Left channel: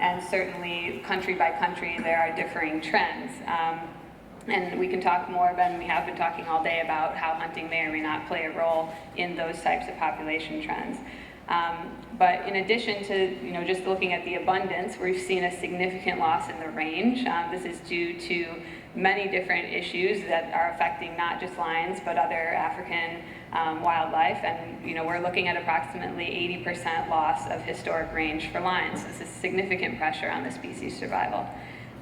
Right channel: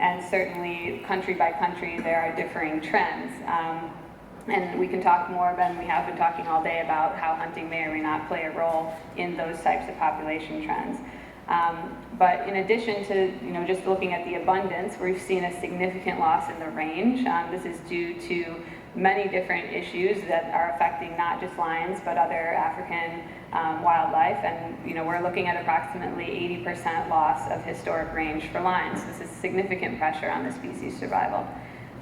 and certainly country by country there are differing trends. And we can talk more about, and we have been talking all day about how hunting may or may not play a role in those types of population trends. But in addition to just looking at the abundance, we've seen a significant loss in the range. This is due to many different issues that are affecting not just lions but other African wildlife, and we're looking at approximately 80% loss of historic range for lions. This is significant pressure on the species' survival.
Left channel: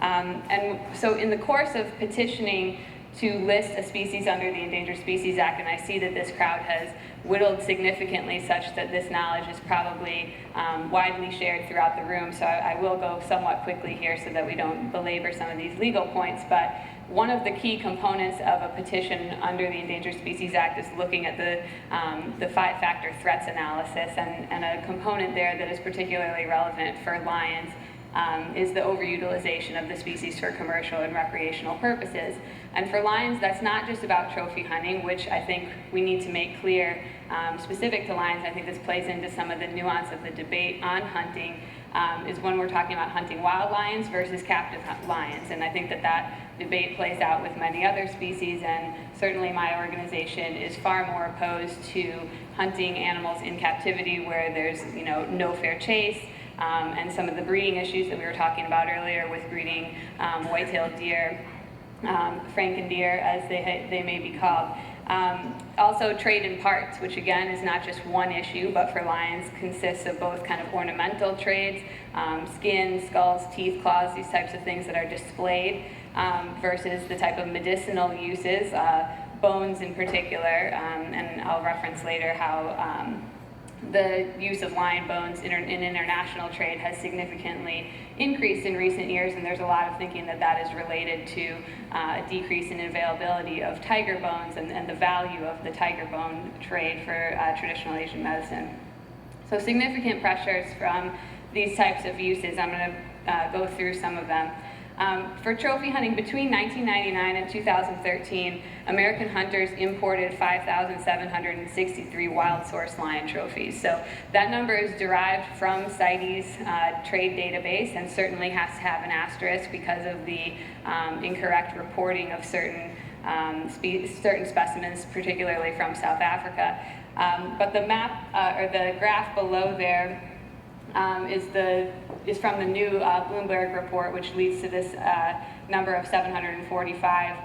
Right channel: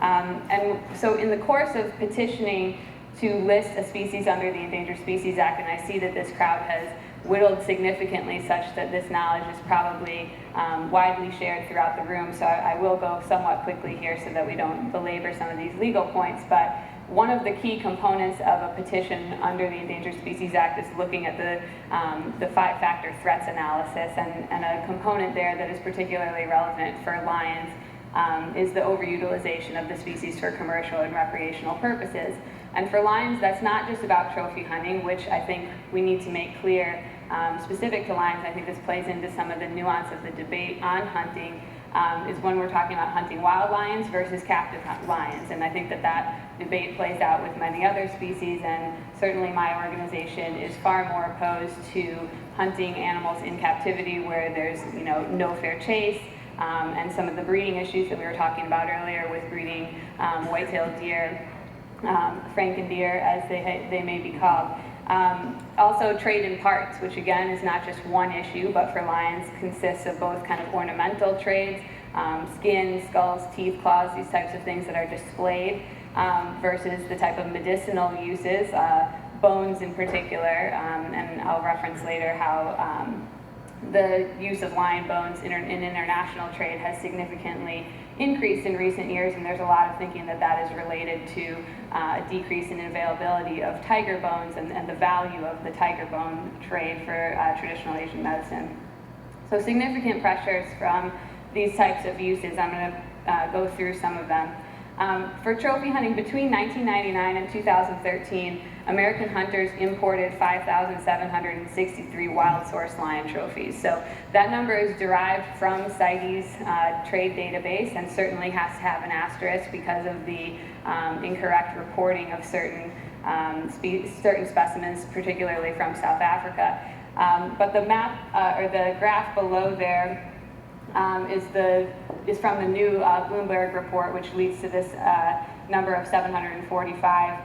And so in the course of petitioning to list a species under the Endangered Species Act, and I see that this crowd has whittled significantly such that this knowledge is probably widely shared throughout the room, so I will go somewhat quickly here so that we don't belabor some of these legal points. But one of the key components of a petition under the Endangered Species Act is looking at the five-factor threats analysis, and a component there that is particularly relevant for lions is the overutilization of the species for commercial and recreational purposes. And for lions, that's not just about trophy hunting, which I think we need to make clear. Specific to lions, I think this plays into some of the nuance of the debate on hunting, is when we're talking about hunting wild lions versus captive lions. And I think that debate plays out with many other species, and certainly my organization is far more opposed to hunting animals in captivity where there's no fair chase, and some of the breeding issues that we were talking about earlier with breeding white-tailed deer, franken deer as they may be called. Also trade in parts, which again is not just one issue, but for lions consists of both kind of ornamental trades, skin, skulls, teeth, claws, these types of things that are displayed, versus the type of medicinal uses, bones in particular, and I'll reference later how the use of lion bones in international trade has significantly increased in recent years, and there's a lot of thinking that is related to a decrease in availability of tiger bones and the value of the tiger bone trade for traditional Asian medicine. So significant pressures from these types of uses. I'm going to go through some of them. For trophy hunting, between 1999 and 2013, American hunters imported 5,763 wild source lion trophies. So that number is derived from CITES trade database, and certainly has to have an asterisk because of the incorrect reporting of certain specimens, particularly from South Africa. But the map, or the graph below there, is from the new Bloomberg report, which leads to this number of 745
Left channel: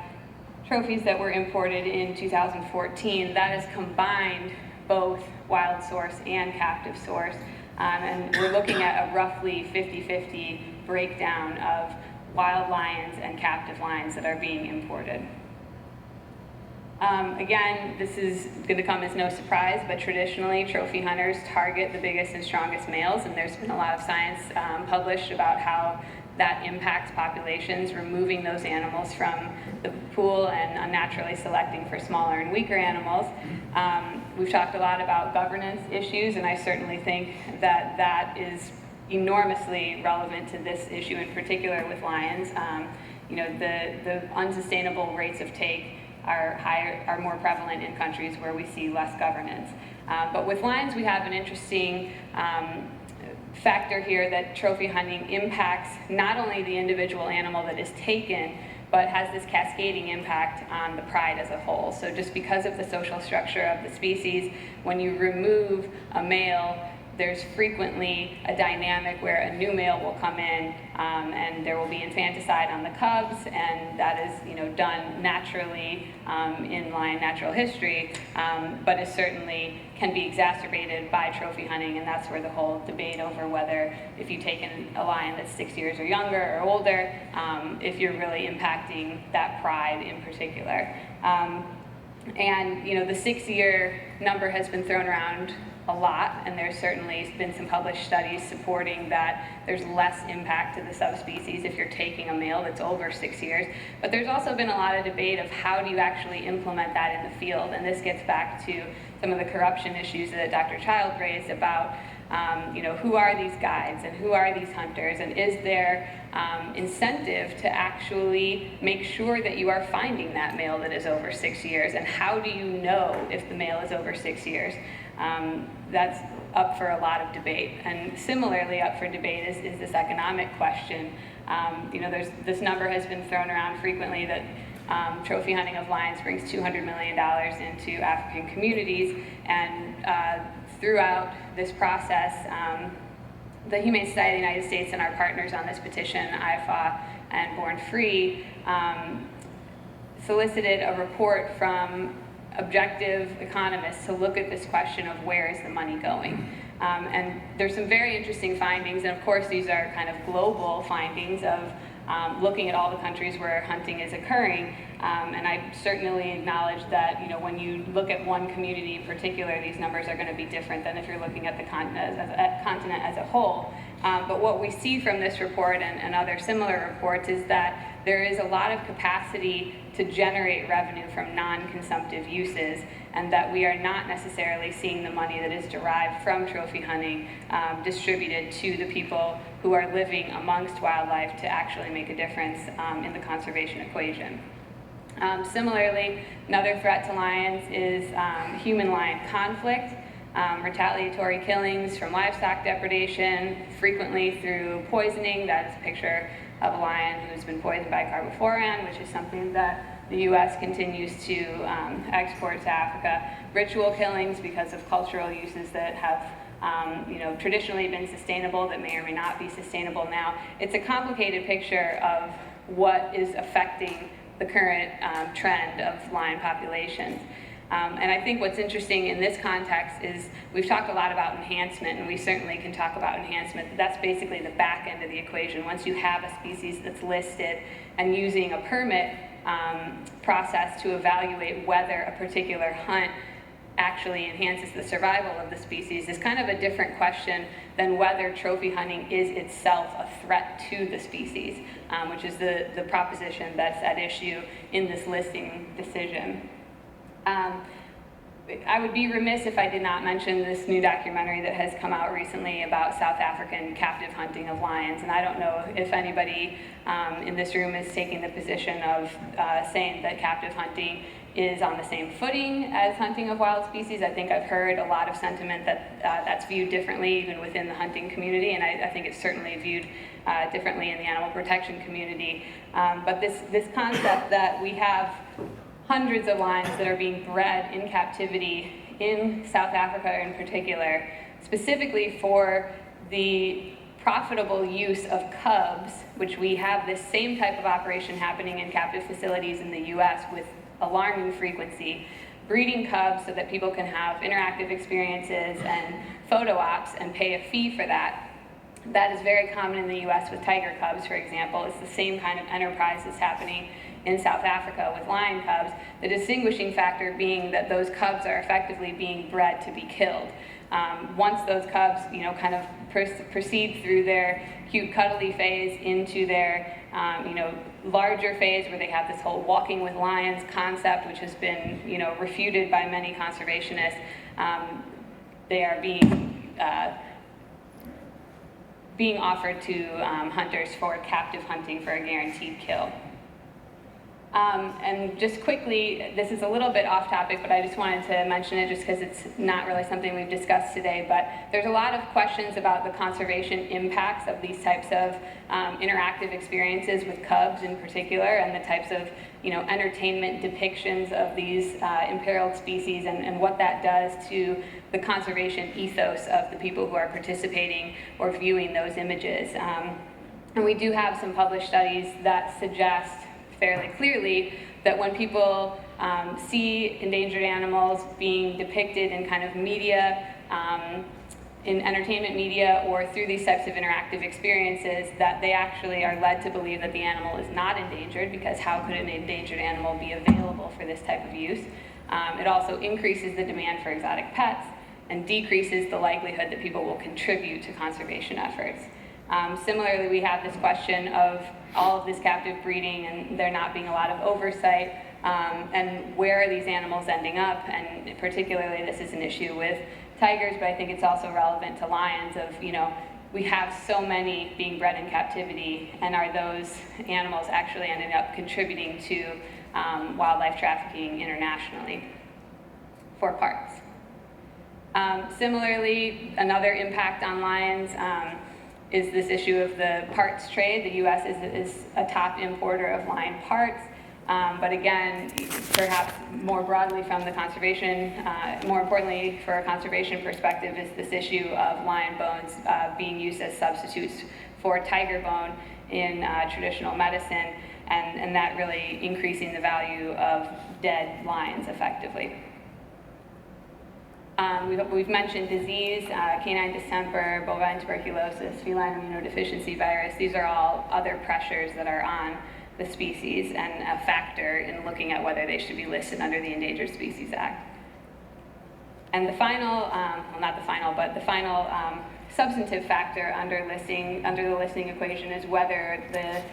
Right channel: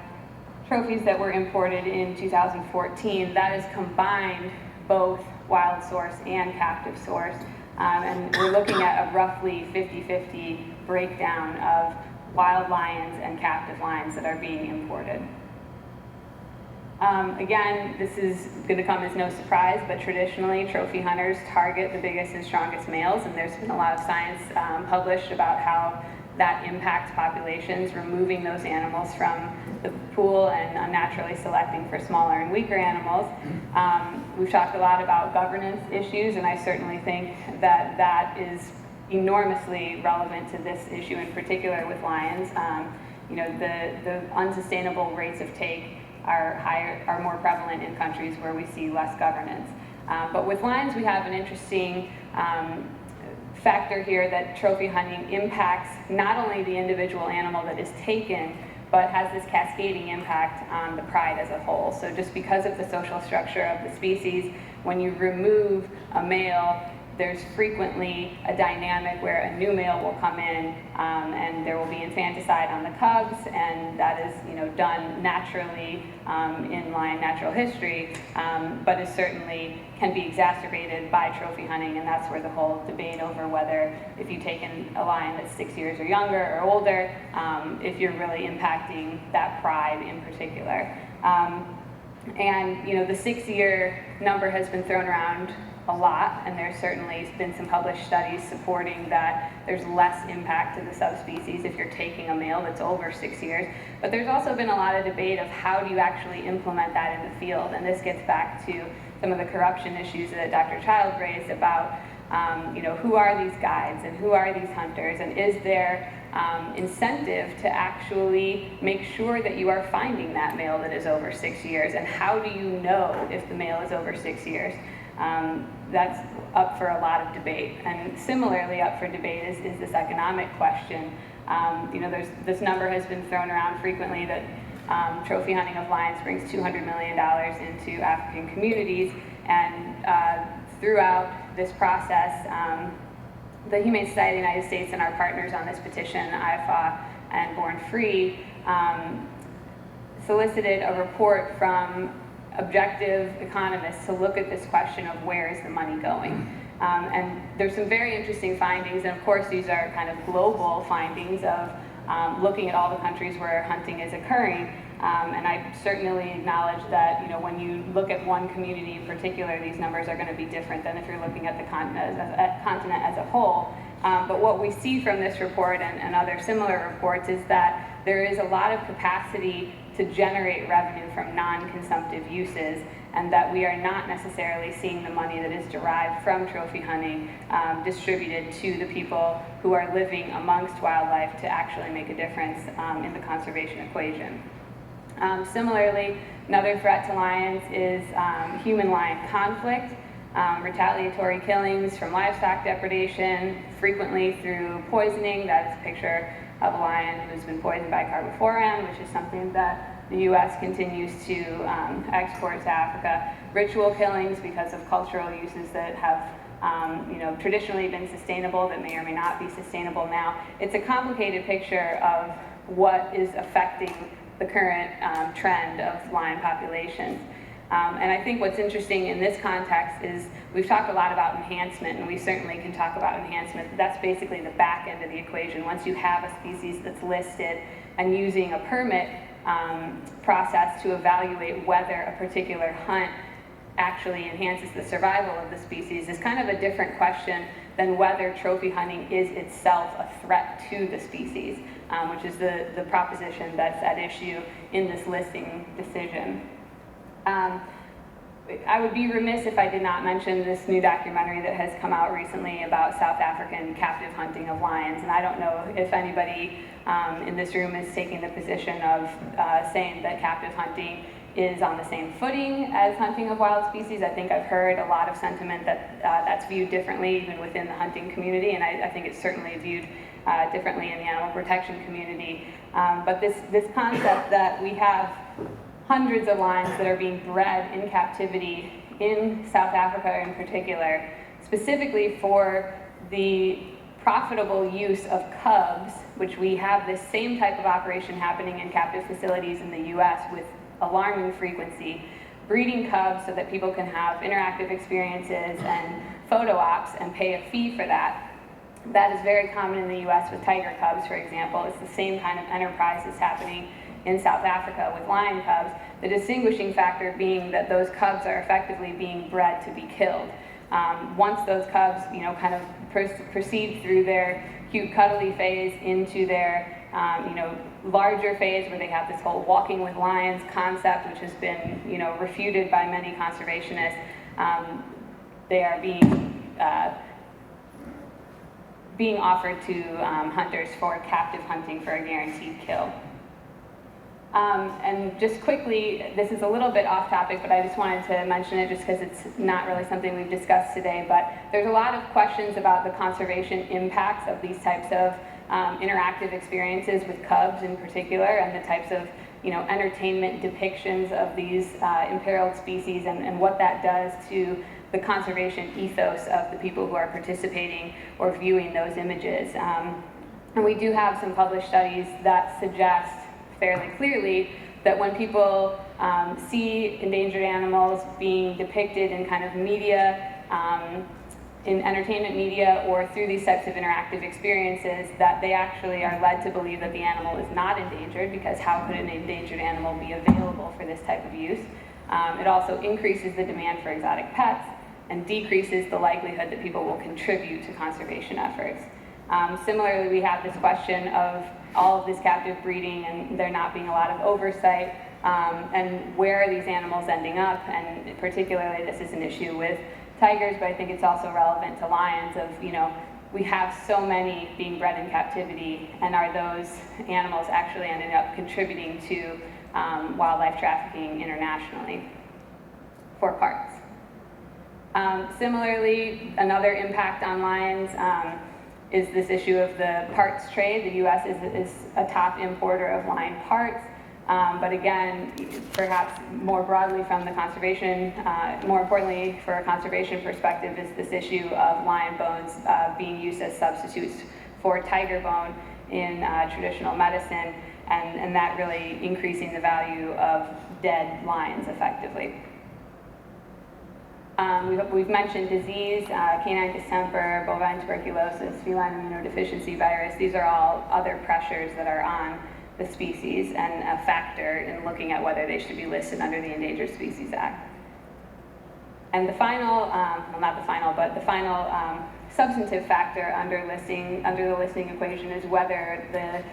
trophies that were imported in 2014. That is combined both wild source and captive source, and we're looking at a roughly 50-50 breakdown of wild lions and captive lions that are being imported. Again, this is going to come as no surprise, but traditionally trophy hunters target the biggest and strongest males, and there's been a lot of science published about how that impacts populations, removing those animals from the pool and unnaturally selecting for smaller and weaker animals. We've talked a lot about governance issues, and I certainly think that is enormously relevant to this issue in particular with lions. The unsustainable rates of take are more prevalent in countries where we see less governance. But with lions, we have an interesting factor here that trophy hunting impacts not only the individual animal that is taken, but has this cascading impact on the pride as a whole. So just because of the social structure of the species, when you remove a male, there's frequently a dynamic where a new male will come in, and there will be infanticide on the cubs, and that is done naturally in lion natural history, but it certainly can be exacerbated by trophy hunting, and that's where the whole debate over whether if you take in a lion that's 6 years or younger or older, if you're really impacting that pride in particular. And the 6-year number has been thrown around a lot, and there's certainly been some published studies supporting that there's less impact to the subspecies if you're taking a male that's over 6 years. But there's also been a lot of debate of how do you actually implement that in the field, and this gets back to some of the corruption issues that Dr. Child raised about who are these guides and who are these hunters, and is there incentive to actually make sure that you are finding that male that is over 6 years, and how do you know if the male is over 6 years? That's up for a lot of debate. And similarly up for debate is this economic question. You know, this number has been thrown around frequently that trophy hunting of lions brings $200 million into African communities, and throughout this process, the Humane Society of the United States and our partners on this petition, IFA and Born Free, solicited a report from objective economists to look at this question of where is the money going. And there's some very interesting findings, and of course these are kind of global findings of looking at all the countries where hunting is occurring. And I certainly acknowledge that, you know, when you look at one community in particular, these numbers are going to be different than if you're looking at the continent as a whole. But what we see from this report and other similar reports is that there is a lot of capacity to generate revenue from non-consumptive uses, and that we are not necessarily seeing the money that is derived from trophy hunting distributed to the people who are living amongst wildlife to actually make a difference in the conservation equation. Similarly, another threat to lions is human-lion conflict, retaliatory killings from livestock depredation, frequently through poisoning. That is a picture of a lion who has been poisoned by carbofuran, which is something that the U.S. continues to export to Africa. Ritual killings because of cultural uses that have you know, traditionally been sustainable that may or may not be sustainable now. It's a complicated picture of what is affecting the current trend of lion populations. And I think what's interesting in this context is we've talked a lot about enhancement, and we certainly can talk about enhancement, but that's basically the back end of the equation. Once you have a species that's listed and using a permit process to evaluate whether a particular hunt actually enhances the survival of the species is kind of a different question than whether trophy hunting is itself a threat to the species, which is the proposition that's at issue in this listing decision. I would be remiss if I did not mention this new documentary that has come out recently about South African captive hunting of lions. And I don't know if anybody in this room is taking the position of saying that captive hunting is on the same footing as hunting of wild species. I think I've heard a lot of sentiment that that's viewed differently even within the hunting community, and I think it's certainly viewed differently in the animal protection community. But this concept that we have hundreds of lions that are being bred in captivity in South Africa in particular, specifically for the profitable use of cubs, which we have this same type of operation happening in captive facilities in the US with alarming frequency, breeding cubs so that people can have interactive experiences and photo ops and pay a fee for that. That is very common in the US with tiger cubs, for example. It's the same kind of enterprise that's happening in South Africa with lion cubs, the distinguishing factor being that those cubs are effectively being bred to be killed. Once those cubs, you know, kind of proceed through their cute cuddly phase into their, you know, larger phase where they have this whole walking with lions concept, which has been, you know, refuted by many conservationists. They are being offered to hunters for captive hunting for a guaranteed kill. And just quickly, this is a little bit off topic, but I just wanted to mention it just because it's not really something we've discussed today, but there's a lot of questions about the conservation impacts of these types of interactive experiences with cubs in particular, and the types of, you know, entertainment depictions of these imperiled species, and what that does to the conservation ethos of the people who are participating or viewing those images. And we do have some published studies that suggest fairly clearly that when people see endangered animals being depicted in kind of media, in entertainment media or through these types of interactive experiences, that they actually are led to believe that the animal is not endangered, because how could an endangered animal be available for this type of use? It also increases the demand for exotic pets and decreases the likelihood that people will contribute to conservation efforts. Similarly, we have this question of all of this captive breeding and there not being a lot of oversight, and where are these animals ending up, and particularly this is an issue with tigers, but I think it's also relevant to lions of, you know, we have so many being bred in captivity, and are those animals actually ending up contributing to wildlife trafficking internationally for parts? Similarly, another impact on lions is this issue of the parts trade. The U.S. is a top importer of lion parts, but again, perhaps more broadly from the conservation, more importantly for a conservation perspective, is this issue of lion bones being used as substitutes for tiger bone in traditional medicine, and that really increasing the value of dead lions effectively. We've mentioned disease, canine distemper, bovine tuberculosis, feline immunodeficiency virus. These are all other pressures that are on the species and a factor in looking at whether they should be listed under the Endangered Species Act. And the final, well, not the final, but the final substantive factor under the listing equation is whether the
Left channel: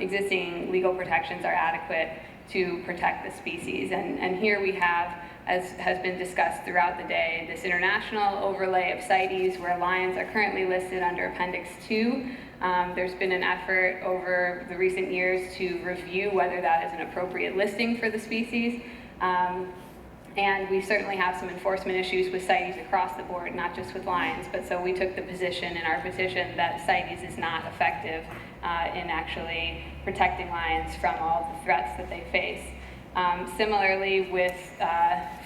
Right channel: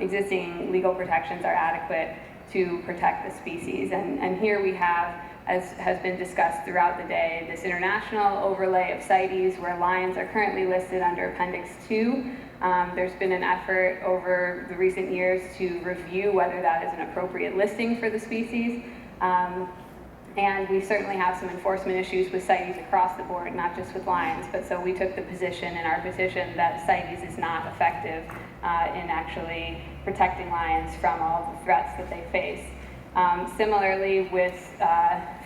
existing legal protections are adequate to protect the species. And here we have, as has been discussed throughout the day, this international overlay of CITES where lions are currently listed under Appendix 2. There's been an effort over the recent years to review whether that is an appropriate listing for the species. And we certainly have some enforcement issues with CITES across the board, not just with lions, but so we took the position in our petition that CITES is not effective in actually protecting lions from all the threats that they face. Similarly, with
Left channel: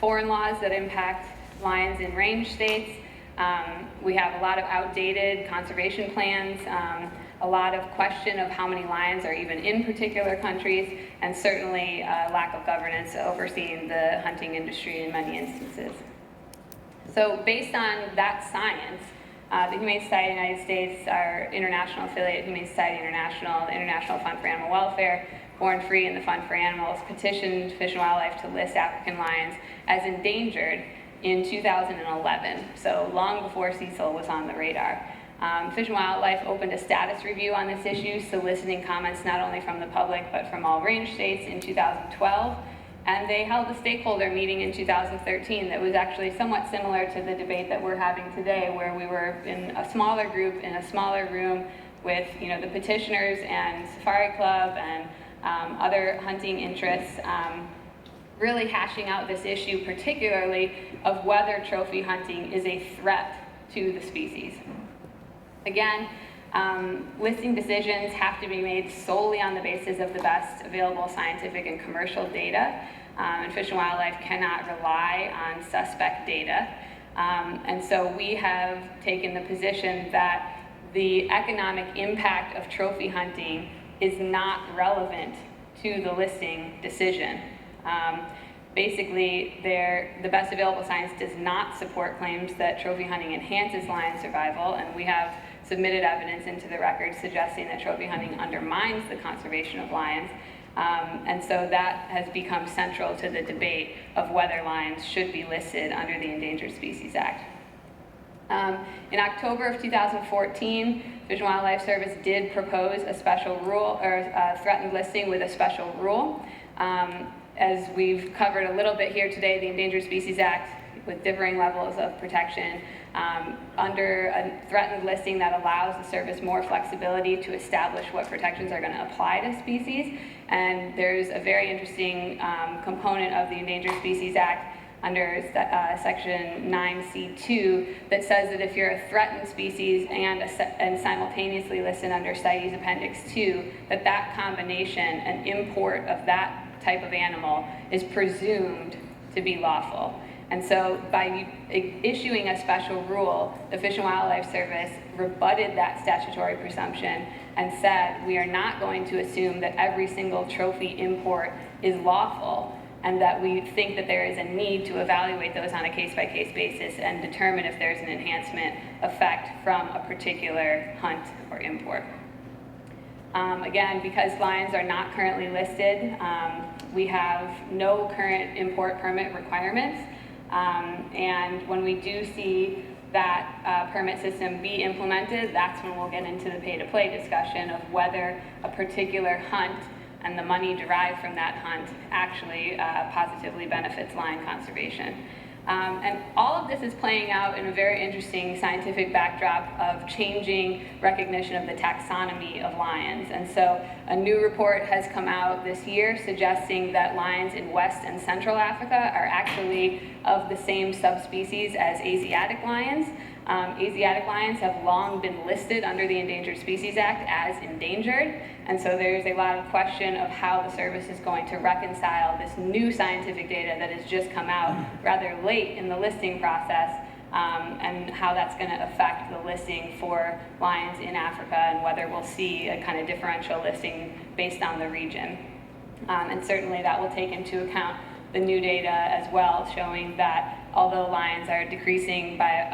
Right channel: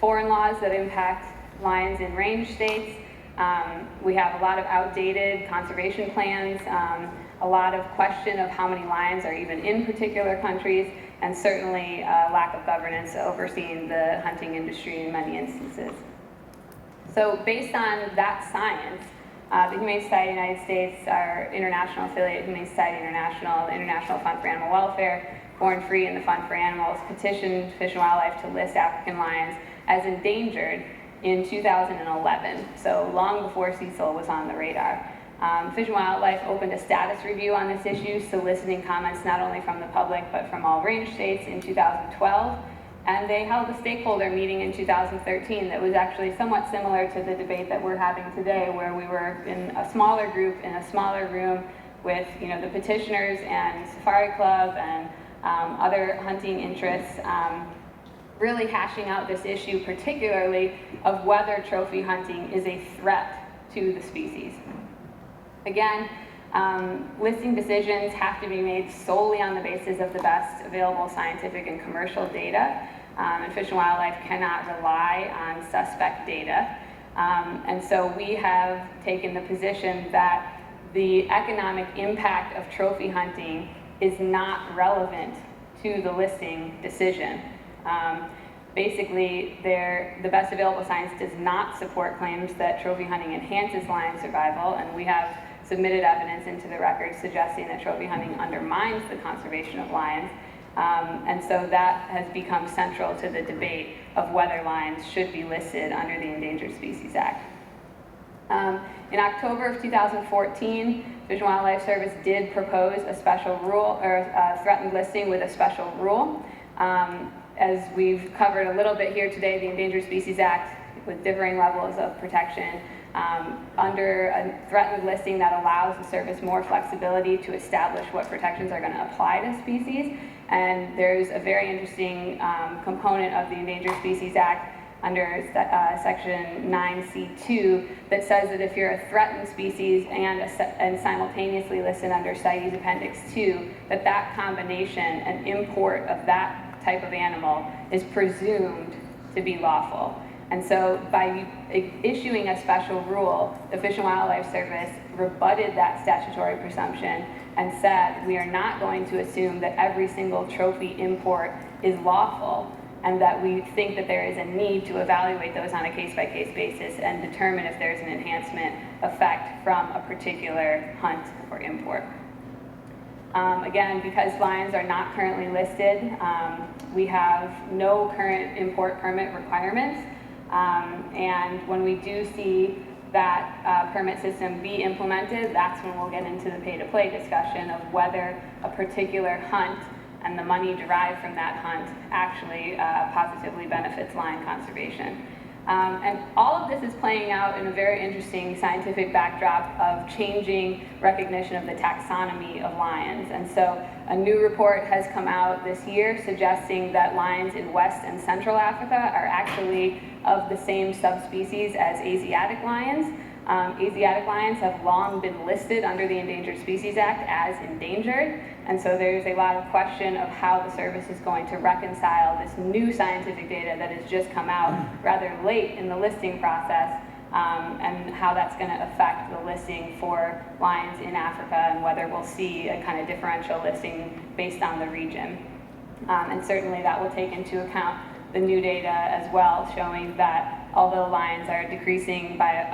foreign laws that impact lions in range states, we have a lot of outdated conservation plans, a lot of question of how many lions are even in particular countries, and certainly lack of governance overseeing the hunting industry in many instances. So based on that science, the Humane Society of the United States, our international affiliate, Humane Society International, the International Fund for Animal Welfare, Born Free, and the Fund for Animals petitioned Fish and Wildlife to list African lions as endangered in 2011, so long before Cecil was on the radar. Fish and Wildlife opened a status review on this issue, soliciting comments not only from the public but from all range states in 2012, and they held a stakeholder meeting in 2013 that was actually somewhat similar to the debate that we're having today, where we were in a smaller group, in a smaller room with the petitioners and Safari Club and other hunting interests, really hashing out this issue, particularly of whether trophy hunting is a threat to the species. Again, listing decisions have to be made solely on the basis of the best available scientific and commercial data, and Fish and Wildlife cannot rely on suspect data. And so we have taken the position that the economic impact of trophy hunting is not relevant to the listing decision. Basically, the best available science does not support claims that trophy hunting enhances lion survival, and we have submitted evidence into the record suggesting that trophy hunting undermines the conservation of lions, and so that has become central to the debate of whether lions should be listed under the Endangered Species Act. In October of 2014, Fish and Wildlife Service did propose a special rule, or a threatened listing with a special rule. As we've covered a little bit here today, the Endangered Species Act, with differing levels of protection, under a threatened listing that allows the service more flexibility to establish what protections are going to apply to species. And there's a very interesting component of the Endangered Species Act under section 9C2 that says that if you're a threatened species and simultaneously listed under CITES Appendix 2, that combination and import of that type of animal is presumed to be lawful. And so by issuing a special rule, the Fish and Wildlife Service rebutted that statutory presumption and said, we are not going to assume that every single trophy import is lawful, and that we think that there is a need to evaluate those on a case-by-case basis and determine if there's an enhancement effect from a particular hunt or import. Again, because lions are not currently listed, we have no current import permit requirements. And when we do see that permit system be implemented, that's when we'll get into the pay-to-play discussion of whether a particular hunt and the money derived from that hunt actually positively benefits lion conservation. And all of this is playing out in a very interesting scientific backdrop of changing recognition of the taxonomy of lions. And so a new report has come out this year suggesting that lions in West and Central Africa are actually of the same subspecies as Asiatic lions. Asiatic lions have long been listed under the Endangered Species Act as endangered, and so there's a lot of question of how the service is going to reconcile this new scientific data that has just come out rather late in the listing process, and how that's going to affect the listing for lions in Africa, and whether we'll see a kind of differential listing based on the region. And certainly that will take into account the new data as well, showing that although lions are decreasing by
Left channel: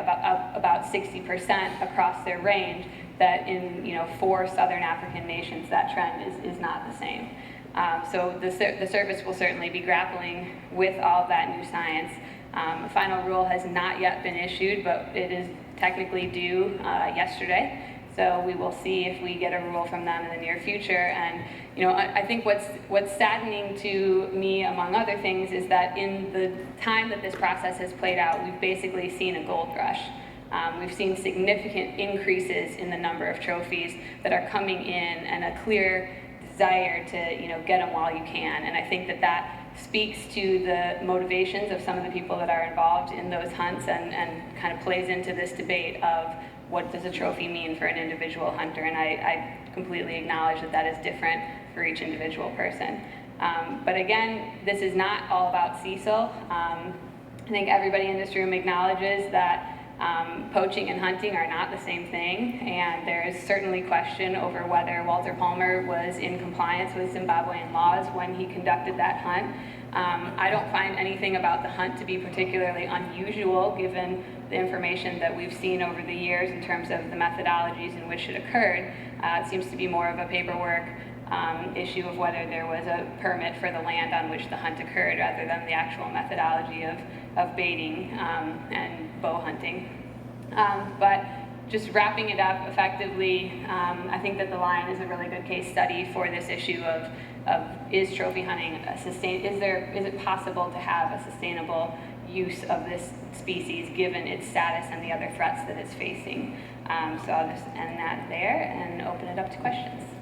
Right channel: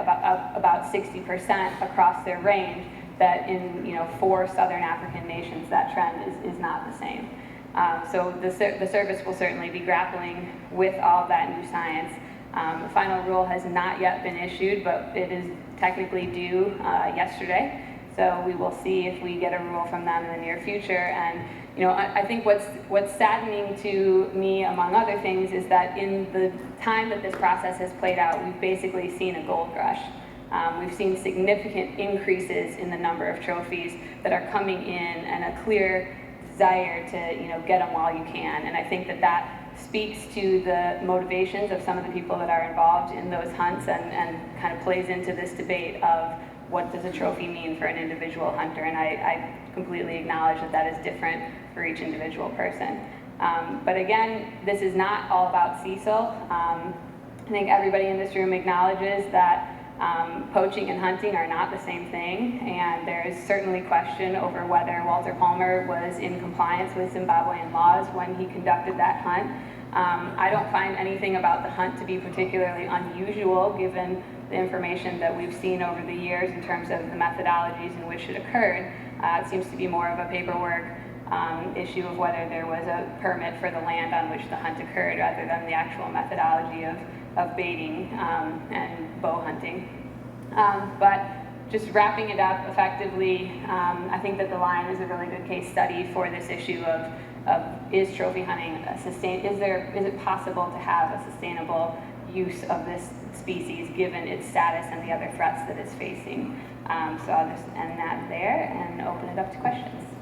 about 60% across their range, that in 4 southern African nations that trend is not the same. So the service will certainly be grappling with all of that new science. The final rule has not yet been issued, but it is technically due yesterday. So we will see if we get a rule from them in the near future. And I think what's saddening to me, among other things, is that in the time that this process has played out, we've basically seen a gold rush. We've seen significant increases in the number of trophies that are coming in, and a clear desire to get them while you can. And I think that speaks to the motivations of some of the people that are involved in those hunts, and kind of plays into this debate of what does a trophy mean for an individual hunter. And I completely acknowledge that is different for each individual person. But again, this is not all about Cecil. I think everybody in this room acknowledges that poaching and hunting are not the same thing, and there is certainly question over whether Walter Palmer was in compliance with Zimbabwean laws when he conducted that hunt. I don't find anything about the hunt to be particularly unusual, given the information that we've seen over the years in terms of the methodologies in which it occurred. It seems to be more of a paperwork issue of whether there was a permit for the land on which the hunt occurred, rather than the actual methodology of baiting and bow hunting. But just wrapping it up effectively, I think that the lion is a really good case study for this issue of is trophy hunting is it possible to have a sustainable use of this species given its status and the other threats that it's facing. So I'll just end that there and open it up to questions.